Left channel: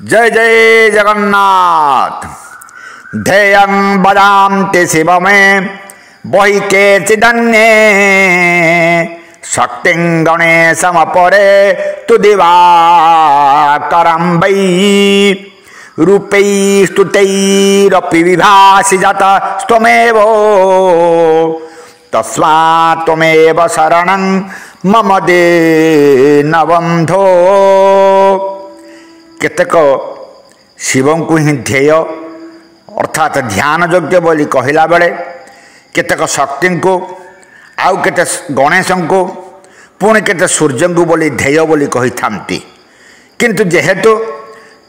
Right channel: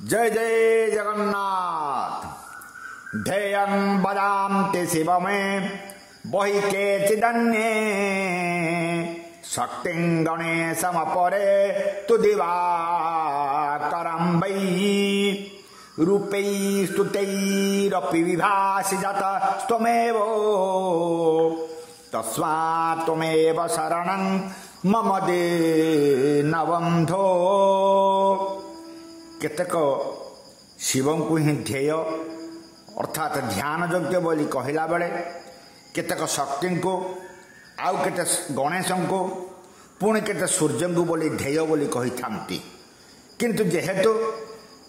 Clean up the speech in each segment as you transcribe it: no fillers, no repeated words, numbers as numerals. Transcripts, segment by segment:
जय जय जगन्नाथ। ध्येयं वदान्ति शिव में वही के चिदन्ये शक्तिं गणेशमपरे तु दिवाकरं वै रूपैः स्तुतैरपि विभासि जातस्त्वमेव तस्मात् त्वमेव शरणं मम दीनबन्धो। केतक शिव को ही ध्येय अर्थात ध्यान योग्य बोली कहला बेले केतक शक्ति को आउ केते गणेश को पुणी केते सूर्य को बोली ध्येय बोली कही थांती किंतु जेहेतु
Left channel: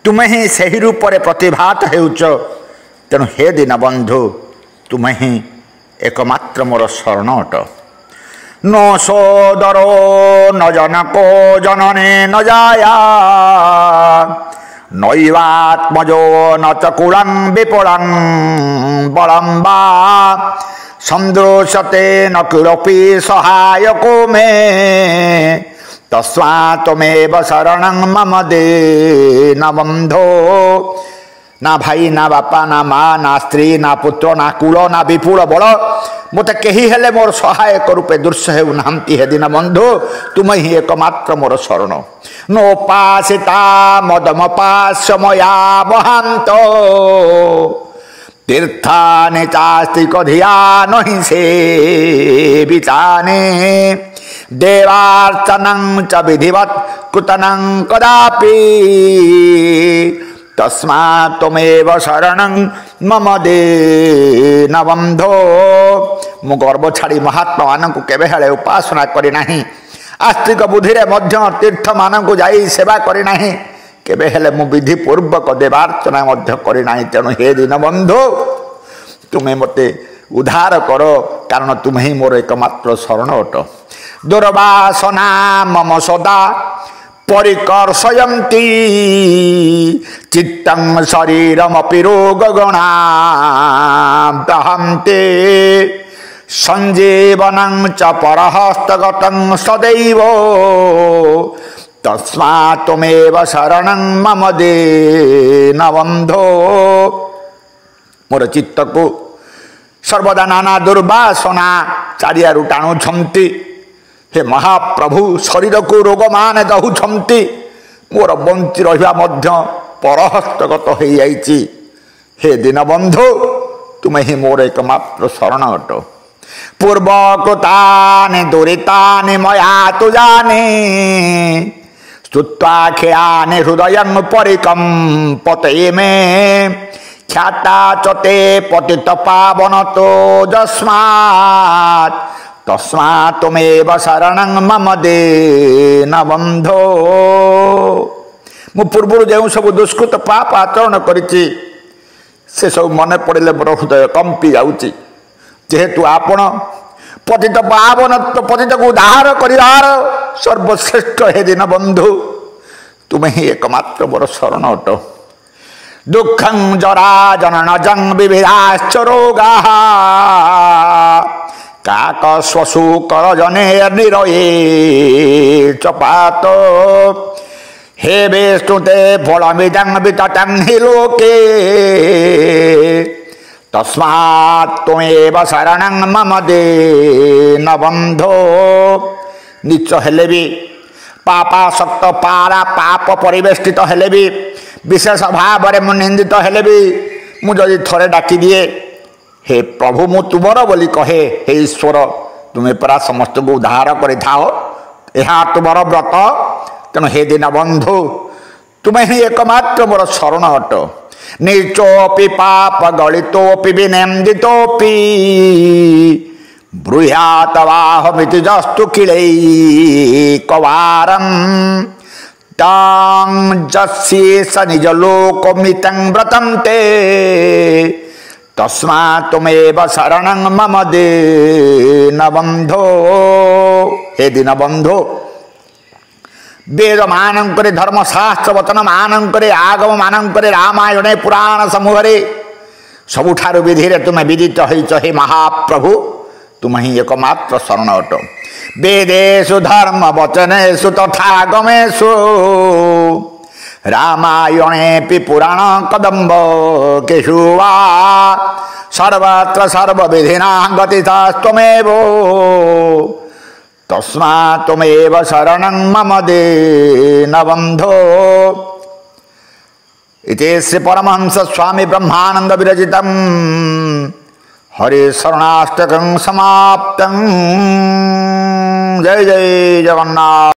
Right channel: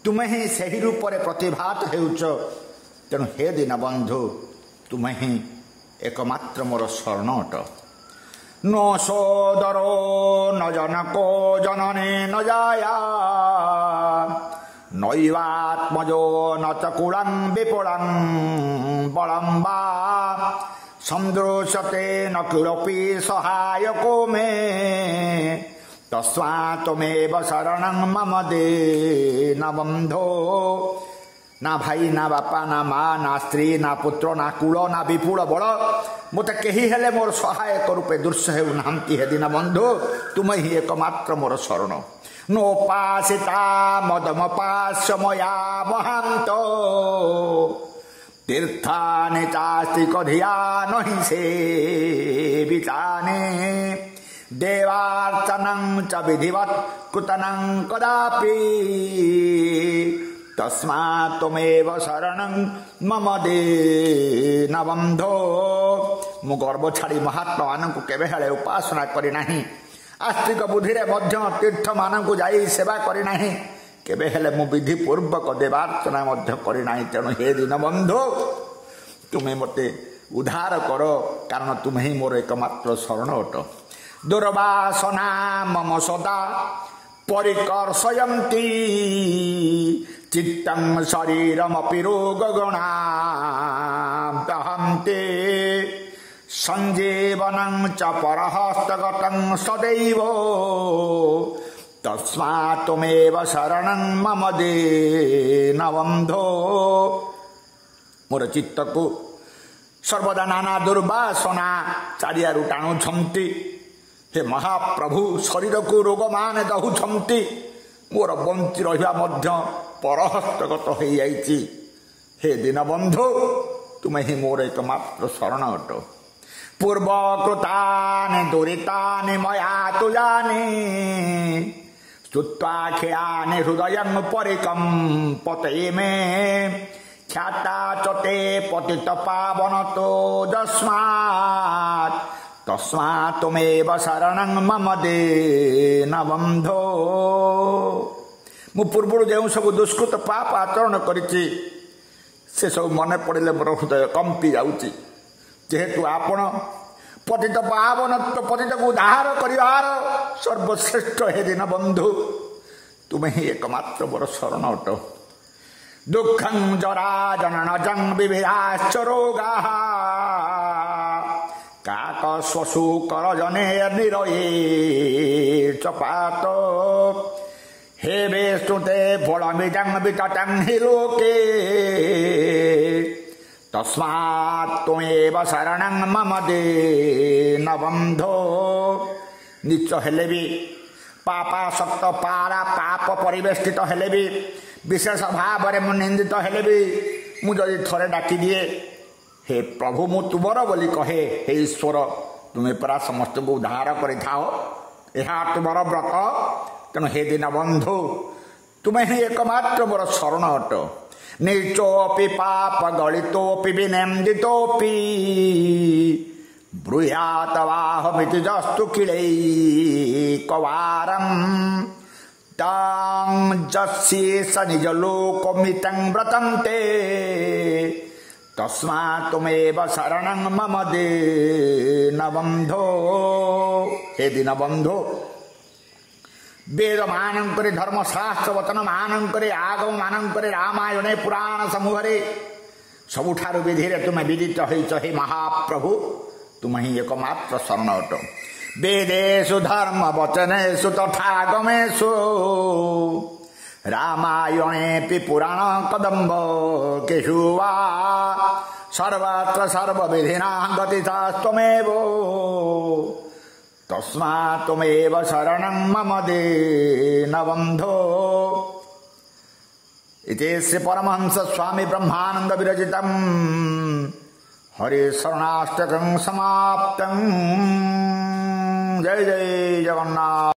तुम्हें ही सही रूप में प्रतिभात हेउच तेणु हे दीनबंधु तुम्हें ही एकमात्र मोर शरण अट। न सोदरो न जनको जनने न जाया नैवात्मजो न चकुलं विपुलं बलं वा संदृश्यते न किमपि सहायको मे तस्मात् त्वमेव शरणं मम दीनबन्धो। ना भाई ना बापा ना माँ ना स्त्री ना पुत्र ना कूल ना विपुल बल मत कही हेले मोर सहायक रूपे दृश्य हेउ नाहंती हे दीनबंधु तुम ही एकमात्र मोर शरण। नोपासिता मदमपास्य मया वहांत तीर्थानि चास्तिक धिया नहि सेवितानि देवार्चनं च विधिवत् कृतं कदापि तस्मात् त्वमेव शरणं मम दीनबन्धो। मु गर्व छाड़ी महात्मा मानक केबे हेले उपासना करी नाही आस्तिक बुद्धि रे मध्य तीर्थ मानक जाई सेवा करी नाही केबे हेले मु विधि पूर्वक देवार्चना मध्य करी नाही। तेणु हे दीनबन्धु तुम्हें मते उद्धार करो कारण तुम्हें ही मोर एकमात्र शरण अट। दुर्वासना मम सदा परिकर्षयन्ति चित्तं शरीरमपि रोगगणा दहन्ते संजीवनं च परहस्तगतं सदैव तस्मात् त्वमेव शरणं मम दीनबन्धो। मोर चित्त को सर्वदा नाना दुर्वासना चारियारु टाणुछन्ति हे महाप्रभु शरीर को रोग मान दहुछन्ति मोर बंची रहिबा मध्य परहस्तगत हो जाइछि। हे दीनबंधु तुम्हें ही मोर एकमात्र शरण अट। पूर्वकृतानि दुरितानि मया तु जाने स्तुत्वा खेयानि हृदयं परिकम्पते मे ख्याता चते पतित पावन तो जस्मात् तस्मात् त्वमेव शरणं मम दीनबन्धो। मु पूर्व जो सब दुष्कृत पाप आचरण करिछि से सब मन पड़े मोर हृदय कंपी जाउछि जेहेतु आपण पतित पावन पतित को उद्धार करिवार सर्वश्रेष्ठ हे दीनबन्धु तुम्हें ही एकमात्र मोर शरण अट। दुःखं जरा जननजं विविधाश्च रोगाः काक स्वशुकर जने निरये चपात हे विष्णुते फलमिदं विततं हि लोके तस्मात् त्वमेव शरणं मम दीनबन्धो। नीच हेले भी पापासक्त पारा पाप परिवेष्टित हेले भी विशेष भाव में मु निंदित हेले भी मुझे थोड़े डाकी दिए हे प्रभु मु तुमर बोली कहे हे ईश्वर तुम्हें परा समस्त को उद्धार कर तुमर व्रत। तेणु हे दीनबंधु तुम्हें ही एकमात्र मोर शरण अट। नीचोपि पाप गलितोपि विनिंदितोपि ब्रूयातवाहमिति जस्तु किलैकवारं तां जस्येष निजलोकमितं व्रतं ते तस्मात् त्वमेव शरणं मम दीनबन्धो। हे दीनबन्धु वेद मानंकरे धर्मशास्त्र वचन मानंकरे आगम मानंकरे रामायण पुराण समूह सबुठारु विधि रे तुम्हें विदित होइछ हे महाप्रभु तुम ही एकमात्र शरण अट। वेदेषु धर्म वचनेषु तथा गमेषु रामायणेऽपि पुराण कदम्ब केषु वा सर्वत्र सर्वविधिना गतितस्त्वमेव तस्मात् त्वमेव शरणं मम दीनबन्धो। इति श्री परमहंस स्वामी ब्रह्मानंद विरचितं हरि शरणाष्टकं समाप्तं। जय जय जगन्नाथ।